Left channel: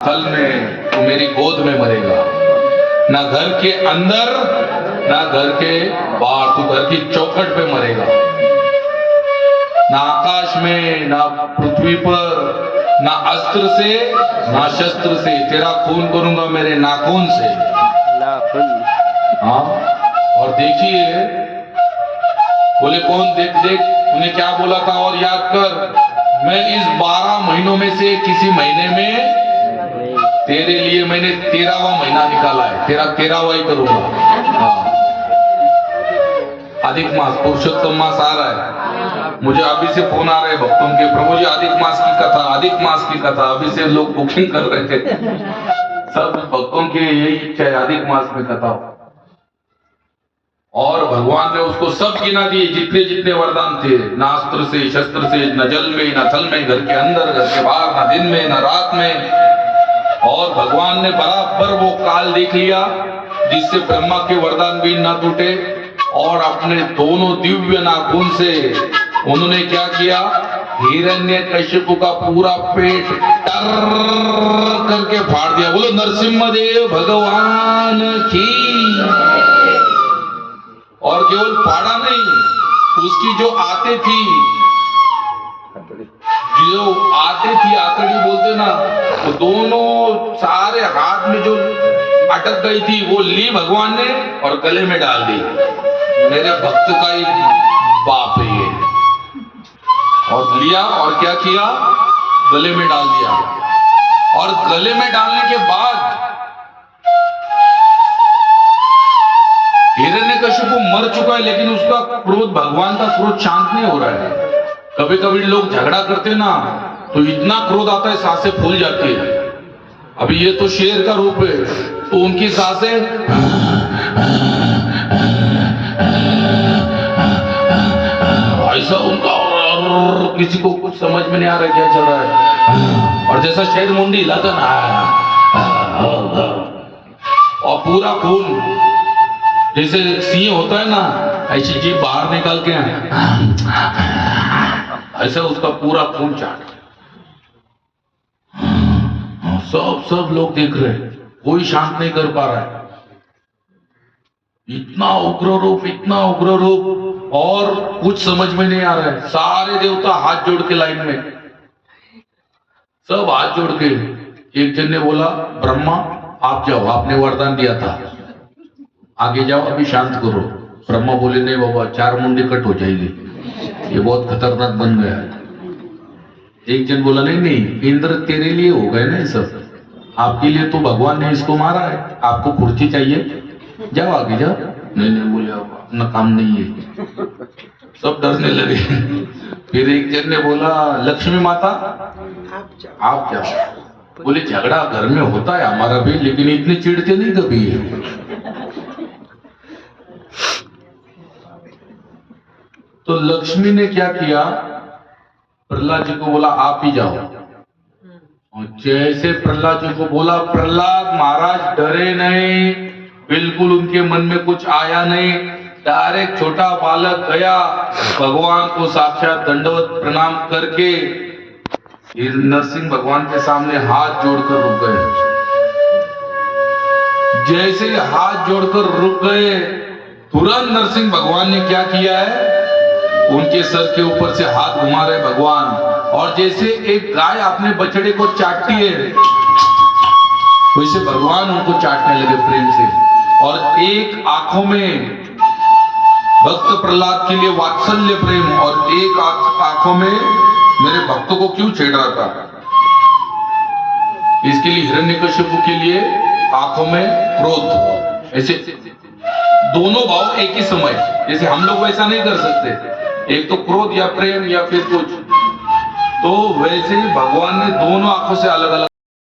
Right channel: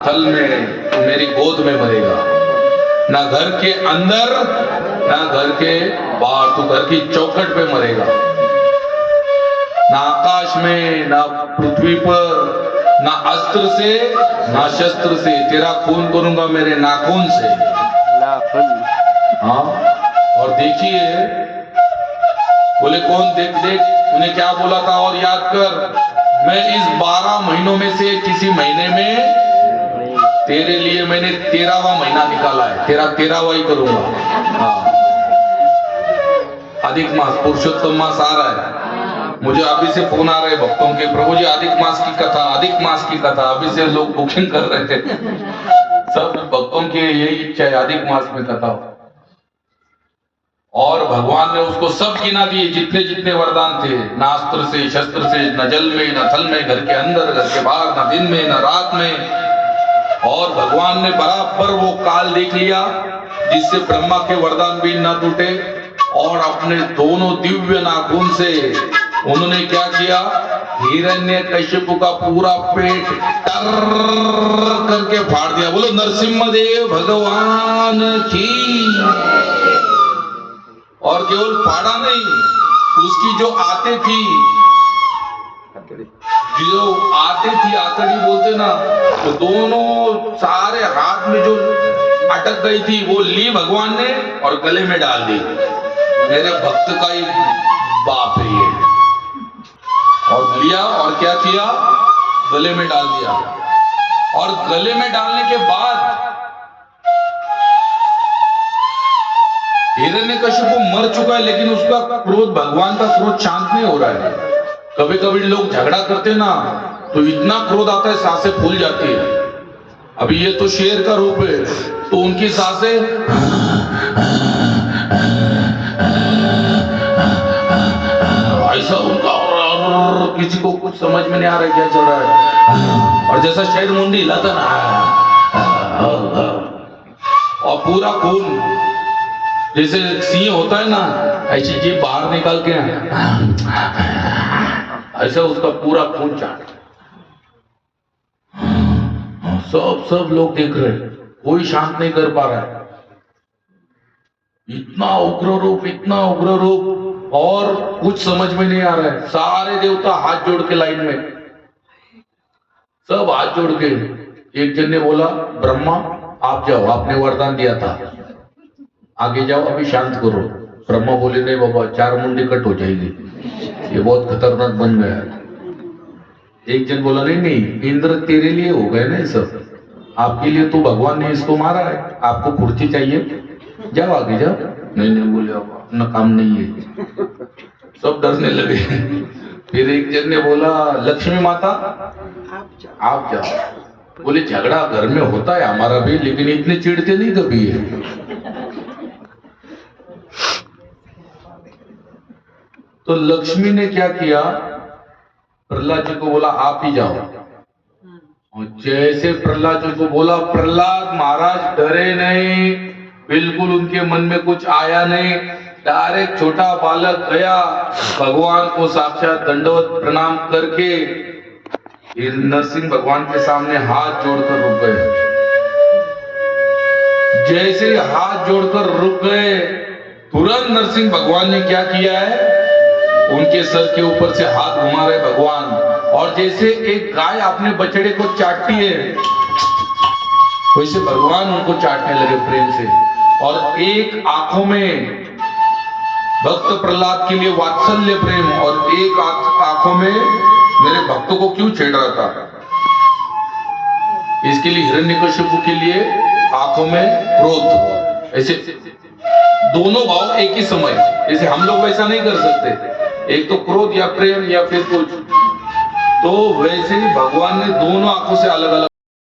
थल में तू मेरी गोद में मरेगा, ना घर के अंदर ना घर के बाहर, तू घर की चौखट पे मरेगा। ना आकाश में ना पृथ्वी पर, ना अस्त्र से ना शस्त्र से, तेरा खून करूंगा मेरे नाखून से। हाँ, और देखिए बोले कौन, देख देख उन्हें क्या बोला था और याद कर, मैं इस 12 महीनों में से किसी महीने में तेरे लिए मैंने 13वां महीना निकाला है, तेरा 13वां ही करूंगा। हाँ, अधिक मास, पुरुषोत्तम मास आ रहा है। मुझे अभी से फोन आ रहे हैं भक्तों के, प्रभु जी अधिक मास की कथा, अधिक मास की कथा, अभी से लोग बुकिंग कर रहे थे। सब भक्तों की यही इच्छा है, अधिक मास में कथा हो। और भगवान ने उसको सब गिना दिए, जितने जितने वरदान थे, ना अस्त्र से शस्त्र से, न जल में न थल में, घर के अंदर घर के बाहर, ना दिन में न रात में। और भगवान ने बराबर वो काल देख लिया जिससे ब्रह्मा के वरदान भी न टूटे, और अपने दोनों दिव्य नाखून से उन्होंने क्या किया, हिरण्यकशिपु का पूरा पेट टर करके फाड़ दिया। बोलो नरसिम्हदेव भगवान की। और केवल फाड़ा नहीं, उसकी जो आते थी, जो आते थी, आकड़ी बोलते ना, तो दोनों सारे हाथ में जो अटक गई थी वो ली भगवान ने और गले में डाल दी। मेरे भक्त का ही बाप है ये। और लिया और क्या किया, गले में डाल दिया। और गले में डालने के बाद हिरण्यकशिपु मर चुका है, लेकिन उसका क्रोध, भगवान का क्रोध शांत नहीं हो रहा है। कभी कभी लोग झगड़ा करते ना तो इतना क्रोध आता है, सांसें फूल जाती है। अभी ये तो शेर का रूप है, तो उनकी सांसें ऐसा उनका, और किसी को कुछ समझ में नहीं आ रहा है क्या चल रहा है। और जैसा शेर मुंडी हिलाता ना, और पूरा खून, जैसे सिंह होता है ना, ऐसी जीभ बाहर निकाल के ऐसा उसका पूरा खून चाट। सब लोग देख रहे, कोई शांत नहीं कर पा रहा है। इतना उग्र रूप, इतना उग्र रूप, और कुछ समझ में नहीं आ रहा है। सारे देवता हाथ जोड़ के लाइन में, सब हाथ जोड़ के। एक जन ने बोला, ब्रह्मा आप जाओ, आपने वरदान दिया था, आगे जाओ, अभी शांत करो। ब्रह्मा बोले नहीं बाबा, 4 मुंडी कट हो जाएगी, ये बहुत खतरनाक बन गया है। एक जन बोला नहीं नहीं, इंद्र तेरे लिए हो गए ना सब, आपके लिए तो भगवान ने इसको मारा है, आपको कुर्सी चाहिए, जाओ आगे जाओ। नहीं नहीं बोले, अपना काम नहीं है। सब डरने लगे। फिर एक जन ने बोला, लक्ष्मी माता आप जाओ। बोले झगड़ा घर में होता है हमारा भी, लेकिन इतने चिढ़ते नहीं कभी है। तो लक्ष्मी ने क्या किया, प्रहलाद जी को बोला आप ही जाओ। और जैसे प्रहलाद जी को बोला, प्रहलाद महाराज डरे नहीं, बिल्कुल उनके मन में कुछ आया नहीं। डायरेक्ट छोटा बालक गया, भगवान को साक्षात दंडवत प्रणाम करके नरसिंह भगवान के सामने हाथ जोड़कर रुक गए। जैसे हाथ जोड़कर रुक गए, तुरंत नरसिंह भगवान ने क्या किया है, उनके सर के ऊपर से हाथ घुमा रहे भगवान। और जैसे एक गाय अपने बछड़े को चाटती है, वैसे भगवान उनको चाटने लगे प्रेम से। और एक आंखों में भक्त प्रहलाद के लिए वात्सल्य प्रेम, और एक आंखों में मेरे भक्तों को क्यों छेड़ रहा था। इसके लिए हिरण्यकशिपु के लिए आंखों में क्रोध, ऐसे दोनों भाव एक ही समय। जैसे हम लोग वैसा नहीं कर सकते, एक तो क्रोध या प्रेम या फिर कुछ, तो वैसे ही भगवान ने दोनों आंखों से अलग अलग